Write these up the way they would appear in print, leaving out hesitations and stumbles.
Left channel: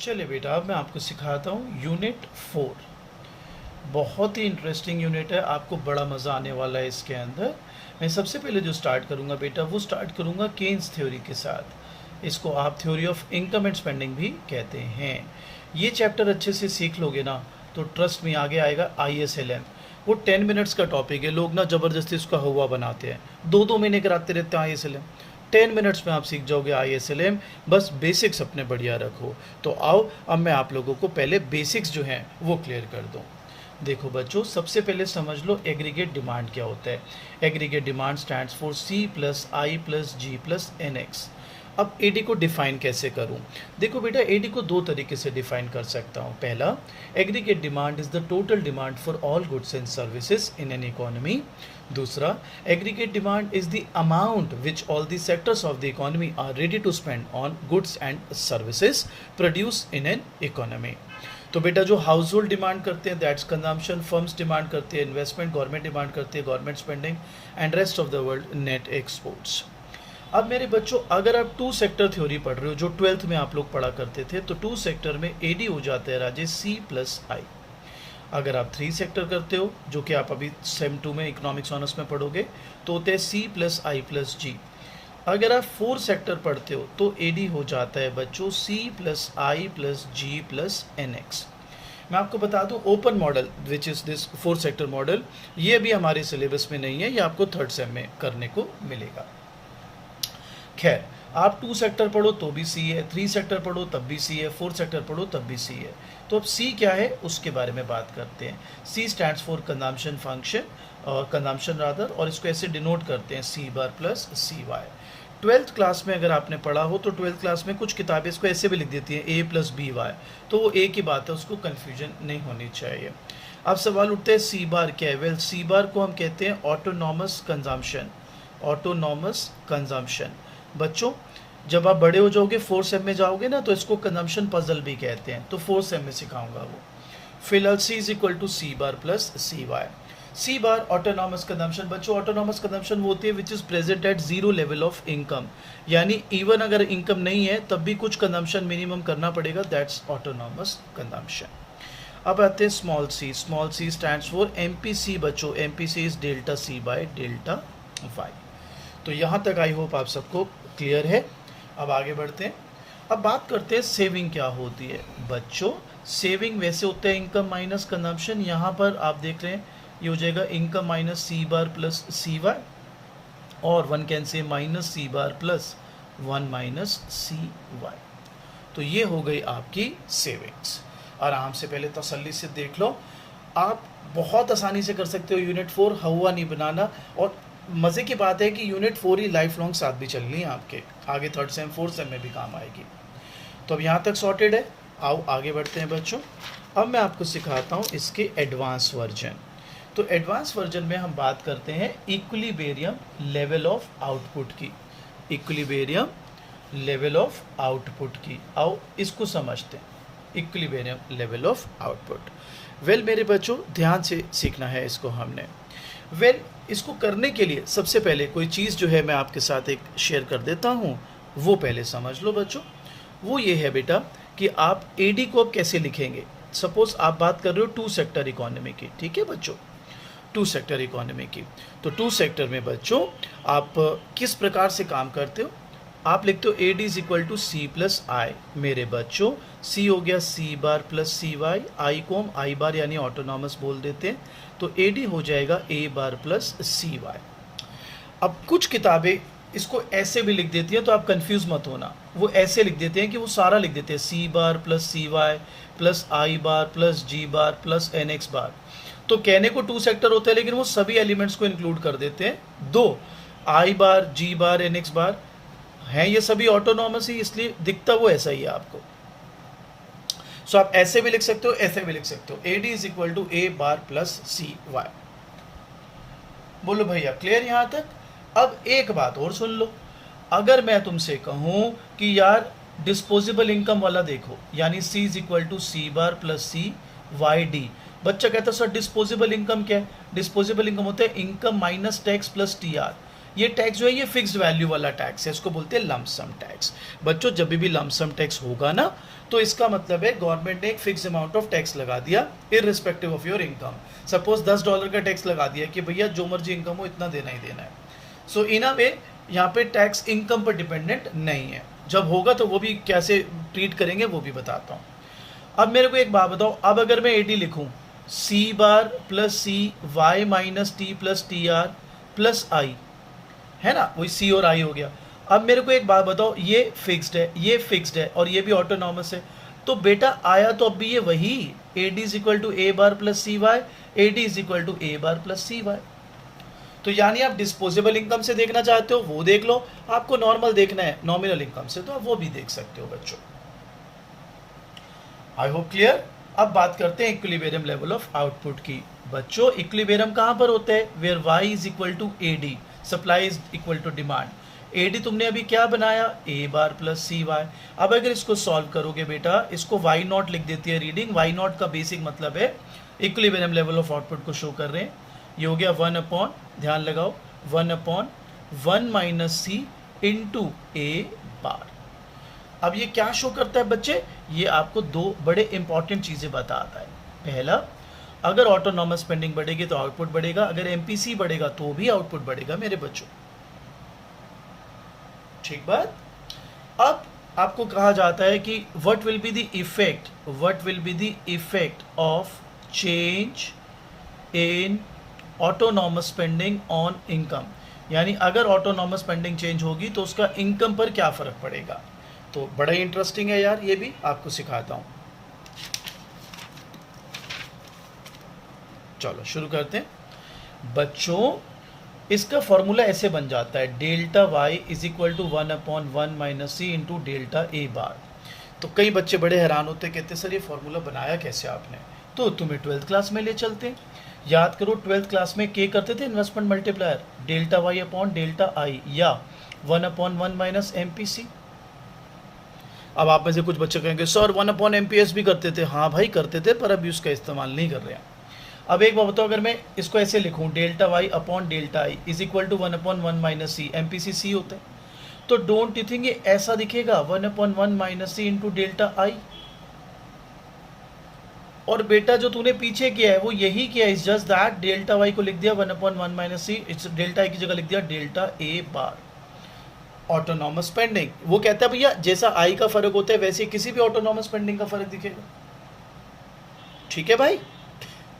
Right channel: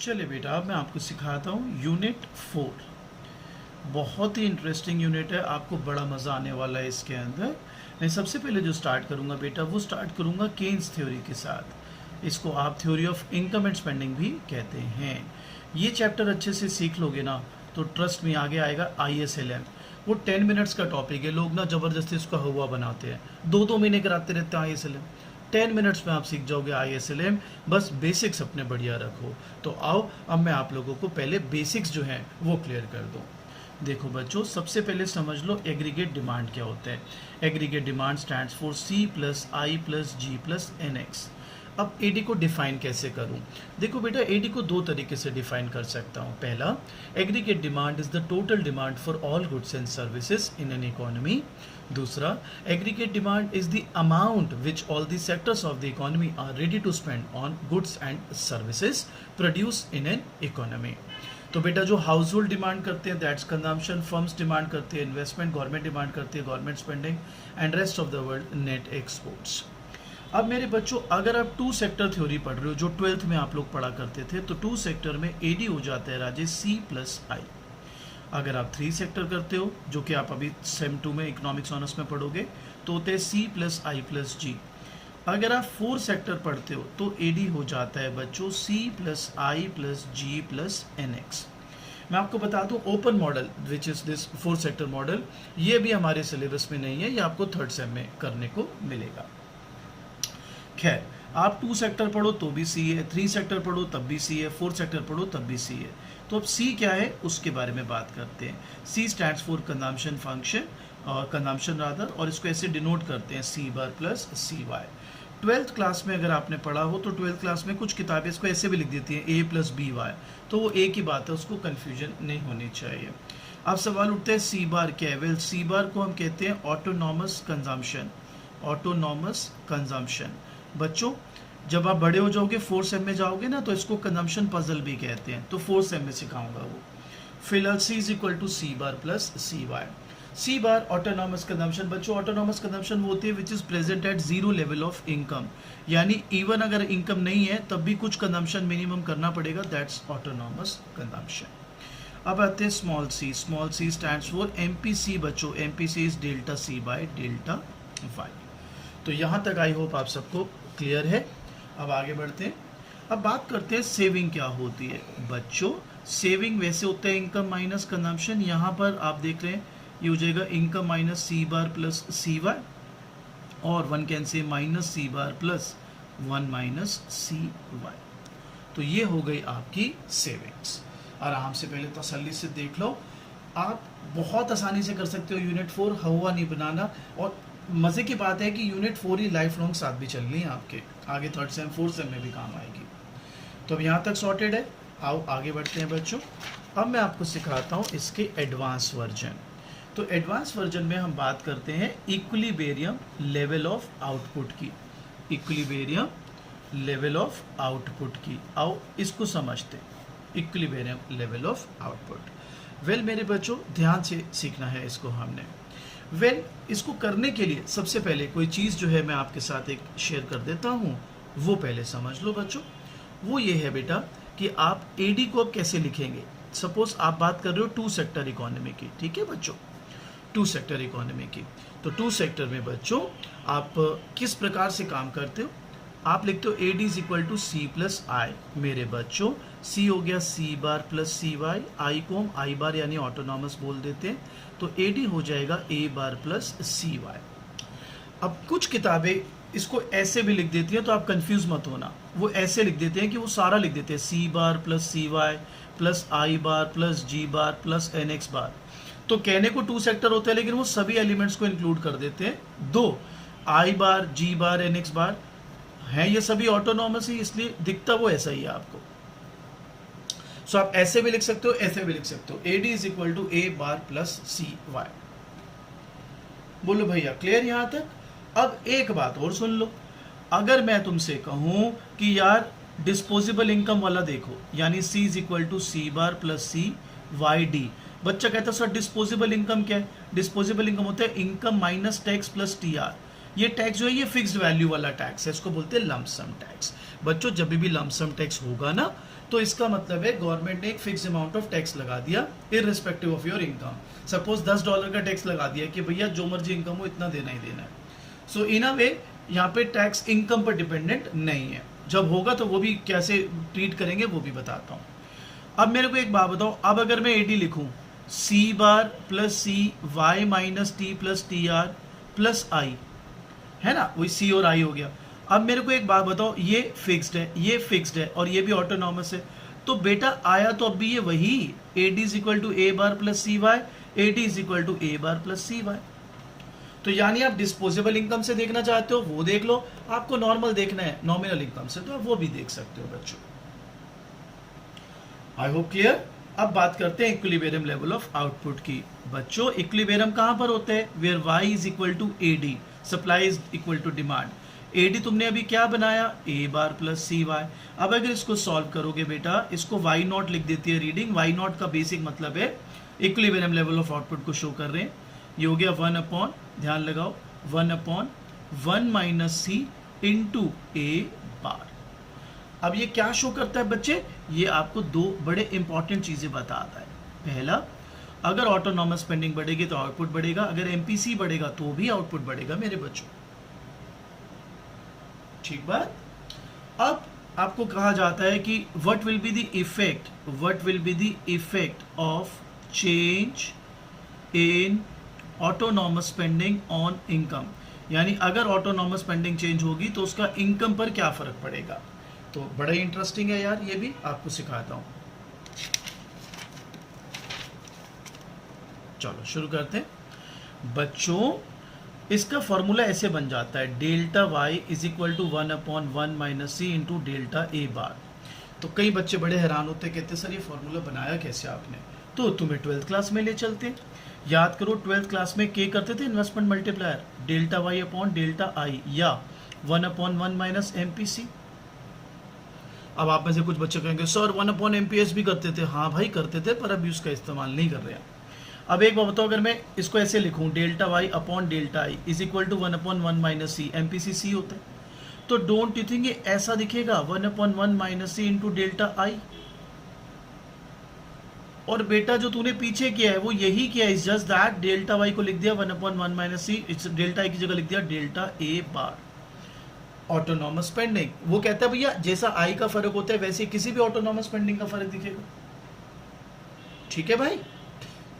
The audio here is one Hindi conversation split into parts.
चलिए बेटा, अब मैं आपको सिखाता हूँ यूनिट 4। बहुत ही इंटरेस्टिंग यूनिट है, आपको बड़ा मज़ा आने वाला है इसके अंदर। मैं सबसे पहले जो स्टार्ट करूँगा बेटा, वो स्टार्ट करूँगा केन्स थ्योरी के साथ। इसको आप theory of income and spending भी कहते हैं। ये चैप्टर अच्छे से सीख लोगे ना तो ट्रस्ट में आगे आएगा ISLM। वो 10 मिनट्स का टॉपिक है, लोग ना ज़बरदस्ती उसका हुआ बनाते हैं, 2-2 महीने कराते रहते हैं ISLM। 10 मिनट्स में आप सीख जाओगे ISLM, बस बेसिक्स अपने बढ़िया रखो। तो आओ अब मैं आप लोगों को पहले बेसिक्स जो हैं वो क्लियर कर दूँ। देखो बच्चों, सबसे पहले समझ लो एग्रीगेट डिमांड क्या होता है। Aggregate demand stands for C+I+G+NX। अब AD को डिफाइन कैसे करूं? देखो बेटा, AD को दो तरीके से डिफाइन कर सकता हूं। पहला, aggregate demand is the total demand for all goods and services in an economy. दूसरा, aggregate demand is the amount which all the sectors of the economy are ready to spend on goods and services produce in an economy. तो बेटा, जो हाउस होल्ड डिमांड करते हैं दैट्स कंजम्पशन, फर्म्स डिमांड करते हैं इन्वेस्टमेंट, गवर्नमेंट डिमांड करती है government spending, and rest of the world net exports. अब मेरे बच्चों, अगर आप 2 सेक्टर थ्योरी पढ़ रहे हो जो 12th में आप लोग पढ़ा करते थे, तो 2 सेक्टर में AD हो जाता है राजेश C+I। अगर आप 3 सेक्टर करते हो, जो कि आप अभी सेम 2 में इकोनॉमिक्स ऑनर्स में पढ़ोगे, तो होते हैं C+I+G। अगर आप 4 सेक्टर पढ़ते हो तो AD हो जाता है बच्चों C+I+G+NX। मैं आपको बता दूं, open model which is this 4 sector model, ये भी हमारे सिलेबस में नहीं है, ये आपको 3rd सेम में करने को मिलेगा। खैर, आप 2 सेक्टर पढ़ो तो भी C है, 3 सेक्टर पढ़ो तब भी C है, 4 सेक्टर पढ़ो तब भी C है। तो अब C क्या है उसके बारे में बात करते हैं। C stands for consumption function, और कंजम्पशन रादर, और इसको ऐसे डिनोट करते हैं C+CY। 12th क्लास में अगर आपने पढ़ा हो तो 12th क्लास में कुछ किताबें इसको ऐसे भी लिख देती हैं A+BY, तो वो एक ही बात है, उसको कन्फ्यूजन नहीं होनी चाहिए। अब सवाल उठते हैं C बार क्या है? वेल, C बार को हम कहते हैं ऑटोनॉमस कंजम्पशन। ऑटोनॉमस कंजम्पशन बच्चों, जब आप बड़े हो जाओगे 4th सेम में जाओगे ना, तो इसको कंजम्पशन पजल भी कहते हैं, तो 4th सेम में सिखाऊंगा वो। फिलहाल C = C+CY। C बार ऑटोनॉमस कंजम्पशन। बच्चों, ऑटोनॉमस कंजम्पशन वो होती है which is present at 0 level of income, यानी इवन अगर इनकम नहीं है तब भी कुछ कंजम्पशन मिनिमम करना पड़ेगा, दैट्स ऑटोनॉमस कंजम्पशन। अब आते हैं small c। Small c stands for MPC बच्चों। MPC is delta C by delta Y। तो यहाँ तक आई होप आप सबको क्लियर है। अब आगे बढ़ते हैं। अब बात करते हैं सेविंग क्या होती है। बच्चों, सेविंग वैसे होता है इनकम माइनस कंजम्पशन। यहाँ पर आप देख रहे हैं ये हो जाएगा इनकम माइनस C+CY, और one can say -C+1 CY। तो ये हो गई आपकी सेविंग्स। आराम से पहले तसल्ली से देख लो, आप बहुत आसानी से कर सकते हो यूनिट 4, हवा नहीं बनाना। और मज़े की बात है कि यूनिट 4 ही लाइफ लॉन्ग साथ भी चल रही है आपके, आगे 3rd सेम 4th सेम में भी काम आएगी। तो अब यहाँ तक सॉर्टेड है। आओ आगे बढ़ते हैं बच्चों। अब मैं आपको सिखाता हूँ इसके एडवांस वर्जन। तो एडवांस वर्जन में हम बात करते हैं इक्विलिब्रियम लेवल ऑफ आउटपुट की। इक्विलिब्रियम लेवल ऑफ आउटपुट की, आओ इसको समझते हैं। Equilibrium level of output. Well मेरे बच्चों, ध्यान से सीखना है इसको हमने। वेल, इसको करने के लिए सबसे पहले कोई चीज़ जो है मैं आपके साथ एक शेयर कर देता हूँ, वो पहले समझ लो बच्चों। वो ये है बेटा कि आप AD को अब कैसे लिखेंगे। सपोज आप बात कर रहे हो 2 सेक्टर इकोनॉमी की, ठीक है बच्चों, 2 सेक्टर इकोनॉमी की। तो 2 सेक्टर में बच्चों आप किस प्रकार से काम करते हो? आप लिखते हो AD = C+I। मेरे बच्चों, C हो गया C+CY, I को हम I बार यानी ऑटोनॉमस बोल देते हैं, तो AD हो जाएगा A+CY। अब कुछ किताबें इसको ऐसे भी लिख देती हैं, तो आप कंफ्यूज मत होना। वो ऐसे लिख देते हैं कि वो सारा लिख देते हैं C+CY +I+G+NX बार। तो कहने को 2 सेक्टर होता है, लेकिन वो सभी एलिमेंट्स को इंक्लूड कर देते हैं। 2 I bar, G bar, NX बार हैं, ये सभी ऑटोनॉमस ही, इसलिए दिखता वो ऐसा ही है आपको। सो आप ऐसे भी लिख सकते हो, ऐसे भी लिख सकते हो। AD = A+CY। बोलो भैया, क्लियर यहां तक? अब एक बात और सुन लो। अगर मैं तुमसे कहूं कि यार डिस्पोजेबल इनकम वाला देखो, यानी C = C+CYD, बच्चा कहता है सर डिस्पोजेबल इनकम क्या है? डिस्पोजेबल इनकम होता है income minus tax plus TR, ये टैक्स जो है ये फिक्स्ड वैल्यू वाला टैक्स है, इसको बोलते हैं लम्प सम टैक्स। बच्चों जब भी लम्प सम टैक्स होगा ना तो इसका मतलब है गवर्नमेंट ने एक फिक्स अमाउंट ऑफ टैक्स लगा दिया irrespective of your income. Suppose $10 का टैक्स लगा दिया कि भैया जो मर्जी इनकम हो इतना देना ही देना है। सो इन अ वे यहाँ पे टैक्स इनकम पर डिपेंडेंट नहीं है। जब होगा तो वो भी कैसे ट्रीट करेंगे वो भी बताता हूँ। अब मेरे को एक बात बताओ, अब अगर मैं एडी लिखूं C bar plus C Y minus T plus T R plus I, है ना, वही सी और आई हो गया। अब मेरे को एक बात बताओ, ये फिक्स्ड है, ये फिक्स्ड है और ये भी ऑटोनॉमस है, तो बेटा आया तो अब भी ये वही A D is equal to A bar plus C Y, A D is equal to A bar plus C Y. तो यानी आप डिस्पोजेबल इनकम से देखना चाहते हो वो देख लो, आपको नॉर्मल देखना है नॉमिनल इनकम से तो आप वो भी देख सकते हो बच्चों। I hope clear. अब बात करते हैं इक्विलिब्रियम लेवल ऑफ आउटपुट की। बच्चों इक्विलिब्रियम कहां पर होता है, where y is equal to A D, supply is equal to demand. A D तुमने अभी क्या बनाया, ए बार प्लस सी वाई। अब अगर इसको सॉल्व करोगे बेटा, इसको वाई नॉट लिख देती है रीडिंग। वाई नॉट का बेसिक मतलब है इक्विलिब्रियम लेवल ऑफ आउटपुट को शो कर रहे हैं। ये हो गया 1 अपॉन, ध्यान लगाओ, 1 upon 1 minus C into A बार। अब ये क्या शो करता है बच्चे, ये आपको दो बड़े इंपॉर्टेंट चीजें बताता है। पहला, अगर ऑटोनॉमस स्पेंडिंग बढ़ेगी तो आउटपुट बढ़ेगा, अगर एमपीसी बढ़ेगा तो भी आउटपुट बढ़ेगा मेरे बच्चों, ठीक बात। अब आपको कहा जाता है कि what will be the effect of change in autonomous spending on income, यानी अगर ऑटोनॉमस स्पेंडिंग चेंज होगी तो उसका इनकम पर क्या फर्क पड़ेगा। तो बड़ा इंटरेस्टिंग है यार, ये भी आपको सिखाता हूं। चलो शुरू करते हैं बच्चों। इसका फॉर्मूला ऐसे बन जाता है, delta Y is equal to 1 upon 1 minus C into delta A bar. तो कई बच्चे बड़े हैरान होते, कहते सर ये फॉर्मूला बनाया कैसे आपने। तो तुम्हें 12th क्लास में ले चलते हैं, याद करो 12th क्लास में के करते थे investment multiplier, delta Y upon delta I या 1 अपॉन 1 माइनस एमपीसी। अब आप में से कुछ बच्चे कहेंगे सर 1 अपॉन एमपीएस भी करते थे। हाँ भाई करते थे, पर अभी उसका इस्तेमाल नहीं कर रहे हैं। अब एक बात बताओ, अगर मैं इसको ऐसे लिखूं, delta Y upon delta I is equal to 1 upon 1 minus C, MPC C होता है, तो डोंट यू थिंक ये ऐसा दिखेगा 1 upon 1 minus C into delta I. और बेटा जो तूने पीछे किया है वो यही किया, is just that delta Y को लिख दिया 1 upon 1 minus C, delta I की जगह लिख दिया delta A bar. Autonomous spending, वो कहता है भैया जैसा आई का फर्क होता है वैसे किसी भी ऑटोनॉमस स्पेंडिंग का फर्क दिखेगा, ठीक है भाई।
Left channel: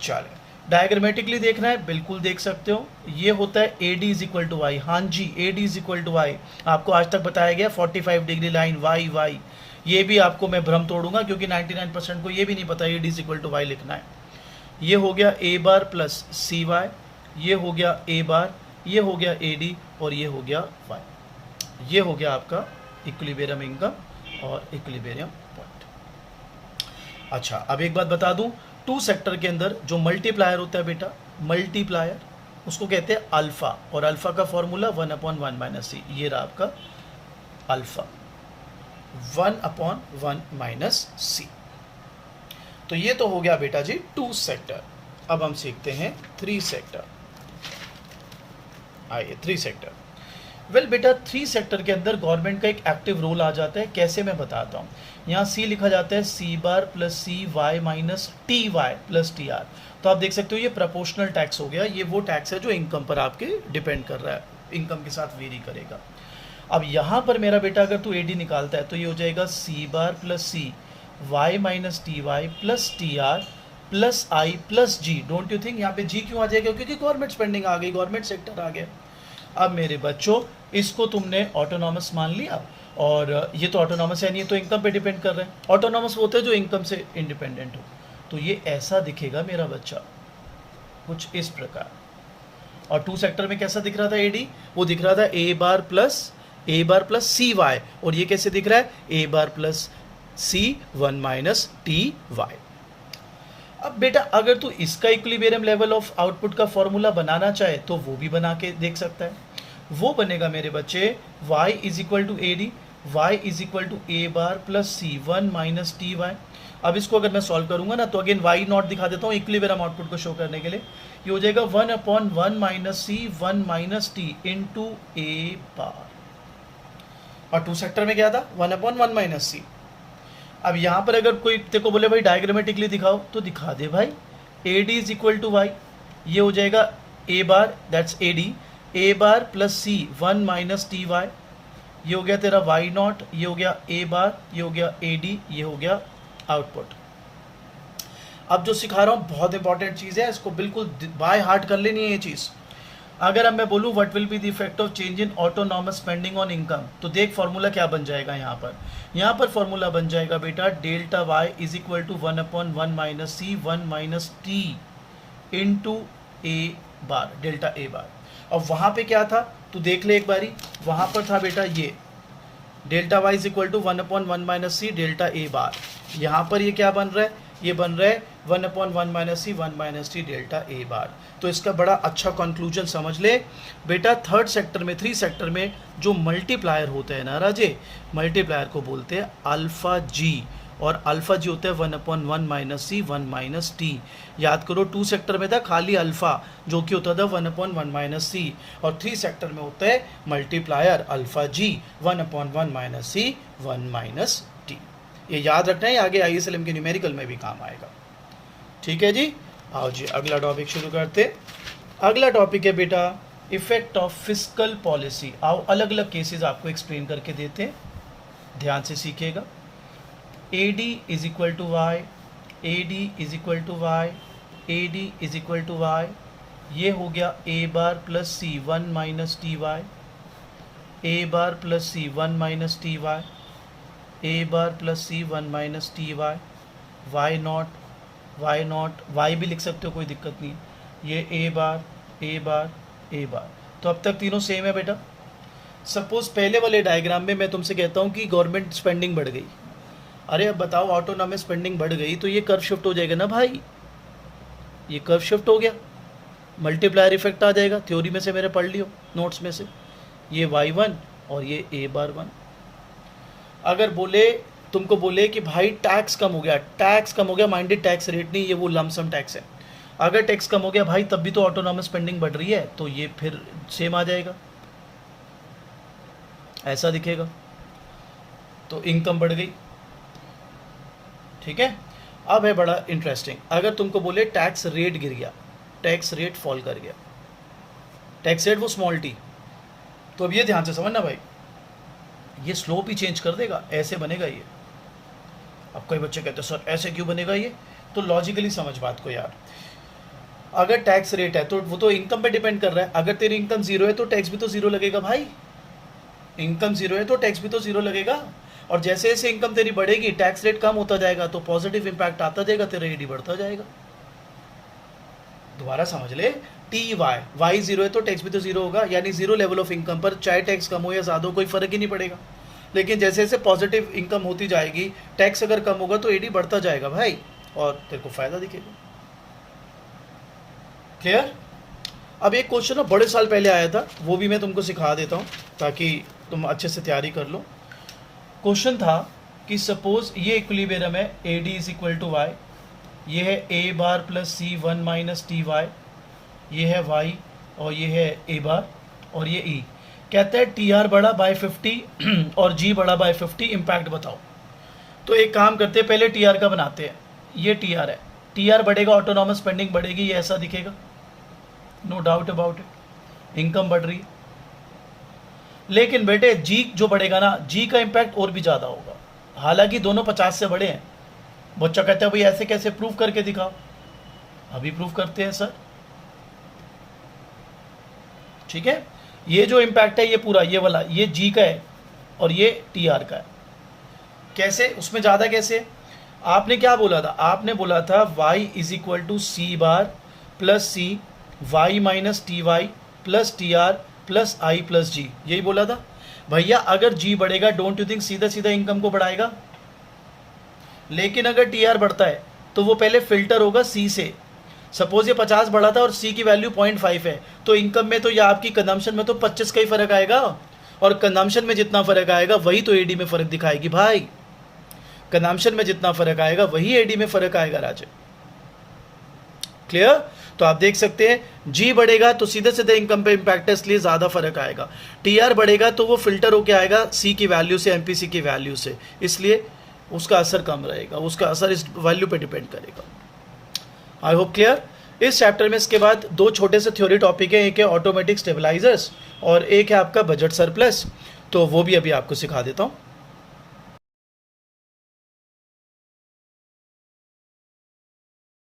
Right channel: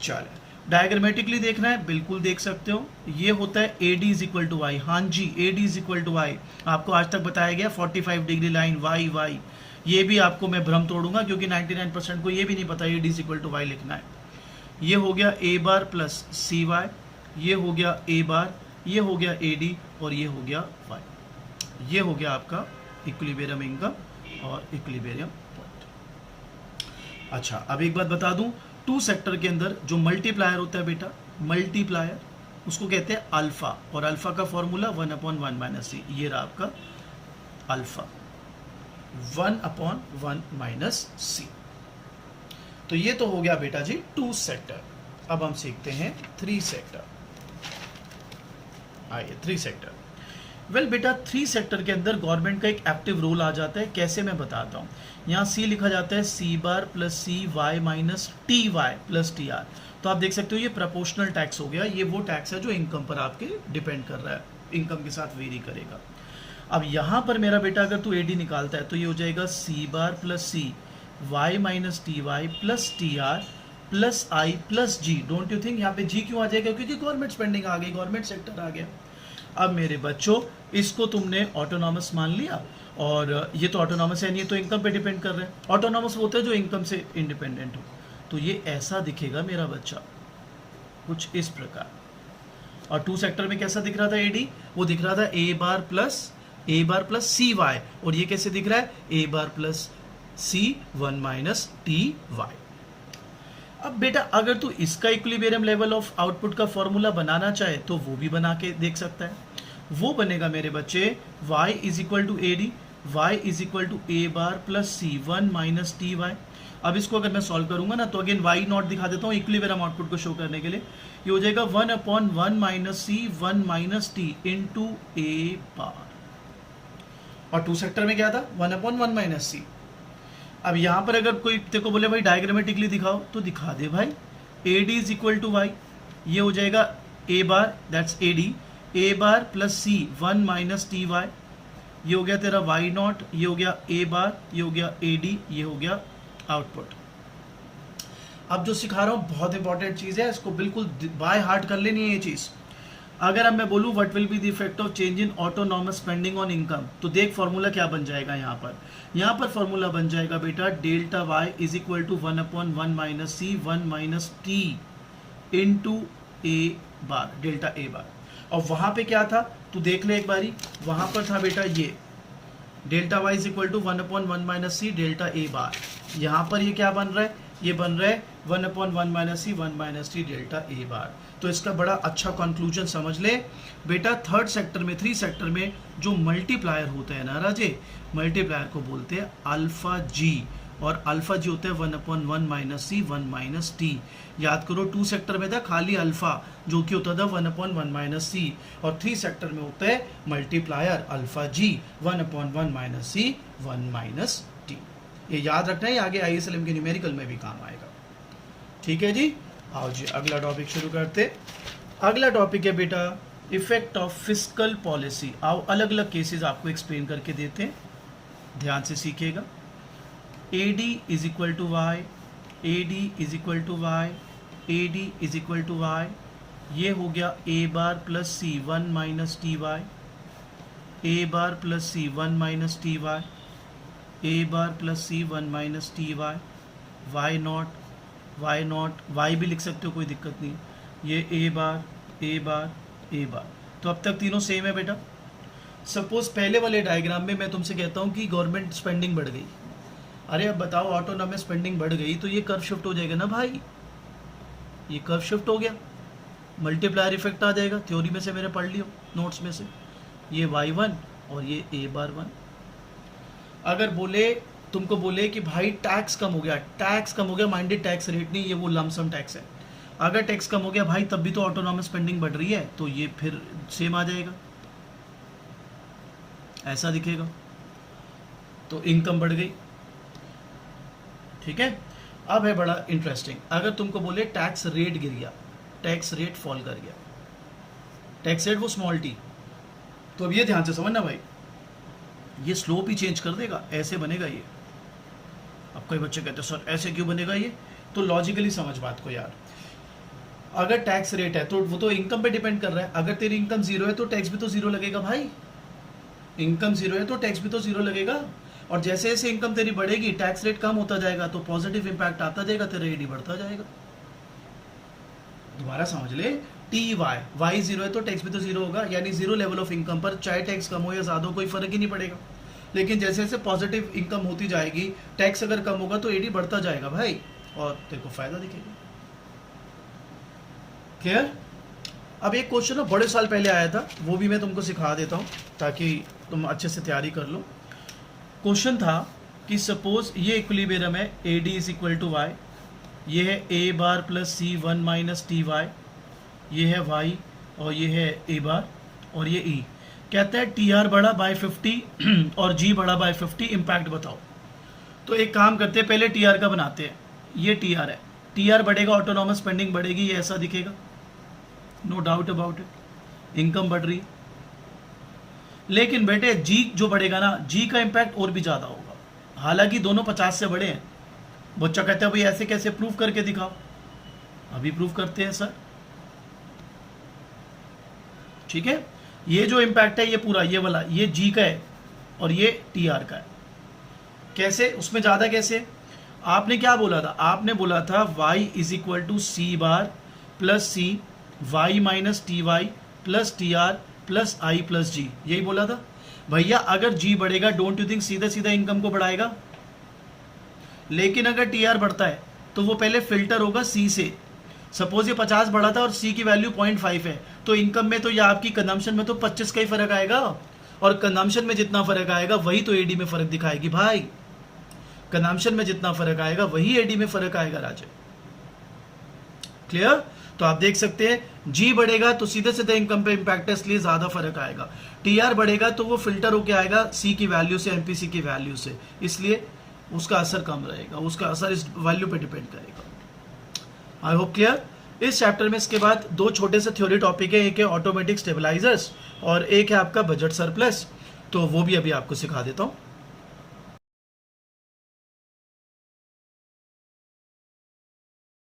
चले डायग्रामेटिकली देखना है, बिल्कुल देख सकते हो। ये होता है A D is equal to Y, हाँ जी A D is equal to Y. आपको आज तक बताया गया 45 डिग्री लाइन वाई वाई, ये भी आपको मैं भ्रम तोड़ूंगा क्योंकि 99% को ये भी नहीं पता A D is equal to Y लिखना है। ये हो गया A bar plus C Y, ये हो गया ए बार, ये हो गया ए डी और ये हो गया वाई। ये हो गया आपका इक्विलिब्रियम इनकम और इक्विलिब्रियम पॉइंट। अच्छा अब एक बात बता दूं, 2 सेक्टर के अंदर जो मल्टीप्लायर होता है बेटा, मल्टीप्लायर उसको कहते हैं अल्फा, और अल्फा का फॉर्मूला 1 अपॉन 1 माइनस सी। ये रहा आपका अल्फा 1 अपॉन 1 माइनस सी। तो ये तो हो गया बेटा जी 2 सेक्टर। अब हम सीखते हैं 3 सेक्टर। आइए 3 सेक्टर। वेल बेटा 3 सेक्टर के अंदर गवर्नमेंट का एक एक्टिव रोल आ जाता है, कैसे मैं बताता हूँ। यहाँ सी लिखा जाता है C bar plus C Y minus T Y plus T R. तो आप देख सकते हो ये प्रोपोर्शनल टैक्स हो गया, ये वो टैक्स है जो इनकम पर आपके डिपेंड कर रहा है, इनकम के साथ वेरी करेगा। अब यहाँ पर मेरा बेटा अगर तू एडी निकालता है तो ये हो जाएगा C bar plus C Y minus T Y plus T R plus I plus G. Don't you think यहाँ पे जी क्यों आ जाएगा, क्योंकि गवर्नमेंट स्पेंडिंग आ गई, गवर्नमेंट सेक्टर आ गया। अब मेरे बच्चों इसको तुमने ऑटोनॉमस मान लिया, और ये तो ऑटोनॉमस है नहीं, तो इनकम पे डिपेंड कर रहे हैं। ऑटोनॉमस वो होते हैं जो इनकम से इंडिपेंडेंट हो। तो ये ऐसा दिखेगा मेरा बच्चा, कुछ इस प्रकार। और 2 सेक्टर में कैसा दिख रहा था एडी, वो दिख रहा था ए बार प्लस सी वाई, और ये कैसे दिख रहा है A bar plus C 1 minus T Y. अब बेटा अगर तू इसका इक्विलिब्रियम लेवल ऑफ आउटपुट का फॉर्मूला बनाना चाहे तो वो भी बना के देख सकता है। वो बनेगा मेरे बच्चे y is equal to A D, y is equal to A bar plus C 1 minus T Y. अब इसको अगर मैं सॉल्व करूंगा ना तो अगेन वाई नॉट दिखा देता हूँ इक्विलिब्रियम आउटपुट को शो करने के लिए। ये हो जाएगा 1/1 minus C 1 minus T into A bar. और टू सेक्टर में क्या था 1/1 माइनस सी। अब यहाँ पर अगर कोई तेरे को बोले भाई डायग्रामेटिकली दिखाओ तो दिखा दे भाई। A D is equal to Y, ये हो जाएगा A bar that's A D, A bar plus C 1 minus T Y. ये हो गया तेरा वाई नॉट, ये हो गया ए बार, ये हो गया ए डी, ये हो गया आउटपुट। अब जो सिखा रहा हूँ बहुत इंपॉर्टेंट चीज़ है, इसको बिल्कुल बाय हार्ट कर लेनी है ये चीज़। अगर अब मैं बोलूँ what will be the effect of change in autonomous spending on income, तो देख फॉर्मूला क्या बन जाएगा यहाँ पर फॉर्मूला बन जाएगा बेटा delta Y is equal to 1/1 minus C 1 minus T into A bar, delta A bar. और वहाँ पे क्या था तू देख ले एक बारी, वहाँ पर था बेटा ये delta Y is equal to 1/1 minus C delta A bar. यहाँ पर ये क्या बन रहा है, ये बन रहा है 1/1 minus C 1 minus T delta A bar. तो इसका बड़ा अच्छा कंक्लूजन समझ ले बेटा, थर्ड सेक्टर में 3 सेक्टर में जो मल्टीप्लायर होते हैं ना राजे, मल्टीप्लायर को बोलते हैं अल्फा जी, और अल्फा जी होता है 1/1 माइनस सी 1 माइनस टी। याद करो 2 सेक्टर में था खाली अल्फा जो कि होता था 1/1 माइनस सी, और 3 सेक्टर में होता है मल्टीप्लायर अल्फा जी 1/1 माइनस सी 1 माइनस टी। ये याद रखना है, आगे ISLM के न्यूमेरिकल में भी काम आएगा। ठीक है जी, आओ जी अगला टॉपिक शुरू करते। अगला टॉपिक है बेटा इफेक्ट ऑफ फिस्कल पॉलिसी। आओ अलग अलग केसेस आपको एक्सप्लेन करके देते हैं, ध्यान से सीखिएगा। AD is equal to Y, AD is equal to Y, AD is equal to Y. ये हो गया A bar plus C 1 minus T Y, A bar plus C 1 minus T Y, A bar plus C 1 minus T Y, Y naught Y भी लिख सकते हो कोई दिक्कत नहीं। ये ए बार ए बार ए बार। तो अब तक तीनों सेम है बेटा। सपोज पहले वाले डायग्राम में मैं तुमसे कहता हूँ कि गवर्नमेंट स्पेंडिंग बढ़ गई, अरे अब बताओ ऑटोनॉमस स्पेंडिंग बढ़ गई तो ये कर्व शिफ्ट हो जाएगा ना भाई, ये कर्व शिफ्ट हो गया, मल्टीप्लायर इफेक्ट आ जाएगा। थ्योरी में से मेरे पढ़ लियो नोट्स में से, ये y1 और ये a बार 1। अगर बोले तुमको बोले कि भाई टैक्स कम हो गया, टैक्स कम हो गया, माइंडेड टैक्स रेट नहीं, ये वो लमसम टैक्स है। अगर टैक्स कम हो गया भाई तब भी तो ऑटोनॉमस स्पेंडिंग बढ़ रही है, तो ये फिर सेम आ जाएगा, ऐसा दिखेगा, तो इनकम बढ़ गई। ठीक है, अब है बड़ा इंटरेस्टिंग, अगर तुमको बोले टैक्स रेट गिर गया, टैक्स रेट फॉल कर गया, टैक्स रेट वो स्मॉल टी, तो अब ये ध्यान से समझना भाई, ये स्लोप ही चेंज कर देगा, ऐसे बनेगा ये। अब कोई बच्चे कहते हैं सर ऐसे क्यों बनेगा ये, तो लॉजिकली समझ बात को यार। अगर टैक्स रेट है तो वो तो इनकम पे डिपेंड कर रहा है, अगर तेरी इनकम जीरो है तो टैक्स भी तो जीरो लगेगा भाई, इनकम जीरो है तो टैक्स भी तो जीरो लगेगा। और जैसे जैसे इनकम तेरी बढ़ेगी टैक्स रेट कम होता जाएगा तो पॉजिटिव इंपैक्ट आता जाएगा, तेरा ईडी बढ़ता जाएगा। दोबारा समझ ले, टी वाई जीरो है तो टैक्स भी तो जीरो होगा, यानी जीरो लेवल ऑफ इनकम पर चाहे टैक्स कम हो या ज्यादा हो कोई फर्क ही नहीं पड़ेगा। लेकिन जैसे जैसे पॉजिटिव इनकम होती जाएगी, टैक्स अगर कम होगा तो ईडी बढ़ता जाएगा भाई, और तेरे को फायदा दिखेगा। क्लियर? अब एक क्वेश्चन ना बड़े साल पहले आया था, वो भी मैं तुमको सिखा देता हूँ ताकि तुम अच्छे से तैयारी कर लो। क्वेश्चन था कि सपोज ये इक्विलिब्रियम है, A D is equal to Y, ये है A bar plus C 1 minus T Y, ये है वाई और ये है ए बार और ये ई। कहता है टी आर बढ़ा बाय 50 और जी बढ़ा बाय 50, इम्पैक्ट बताओ। तो एक काम करते हैं, पहले टी आर का बनाते हैं। ये टी आर है, टी आर बढ़ेगा ऑटोनॉमस स्पेंडिंग बढ़ेगी, ये ऐसा दिखेगा, no doubt about it, income बढ़ रही। लेकिन बेटे जी जो बढ़ेगा ना, जी का इम्पैक्ट और भी ज़्यादा होगा, हालांकि दोनों 50 से बड़े हैं। बच्चा कहता है भाई ऐसे कैसे, प्रूफ करके दिखाओ। अभी प्रूफ करते हैं सर। ठीक है, ये जो इम्पैक्ट है ये पूरा ये वाला, ये जी का है और ये टी आर का है। कैसे, उसमें ज़्यादा कैसे? आपने क्या बोला था? आपने बोला था y is equal to C bar plus C Y minus T Y plus T R plus I plus G, यही बोला था भैया। अगर जी बढ़ेगा डोंट यू थिंक सीधा सीधा इनकम को बढ़ाएगा? लेकिन अगर टी आर बढ़ता है तो वो पहले फिल्टर होगा सी से। सपोज ये 50 बढ़ा था और सी की वैल्यू 0.5 है, तो इनकम में तो या आपकी कंजम्पशन में तो 25 का ही फर्क आएगा। और कंजम्पशन में जितना फर्क आएगा वही तो एडी में फर्क दिखाएगी भाई। कंजम्पशन में जितना फर्क आएगा वही एडी में फर्क आएगा राजे। क्लियर? तो आप देख सकते हैं जी बढ़ेगा तो सीधे सीधे इनकम पे इम्पैक्ट है, इसलिए ज्यादा फर्क आएगा। टीआर बढ़ेगा तो वो फिल्टर होके आएगा सी की वैल्यू से, एमपीसी की वैल्यू से, इसलिए उसका असर कम रहेगा, उसका असर इस वैल्यू पे डिपेंड करेगा। I hope clear. इस चैप्टर में इसके बाद दो छोटे से थ्योरी टॉपिक है, एक है ऑटोमेटिक स्टेबलाइजर्स और एक है आपका बजट सरप्लस, तो वो भी अभी आपको सिखा देता हूँ।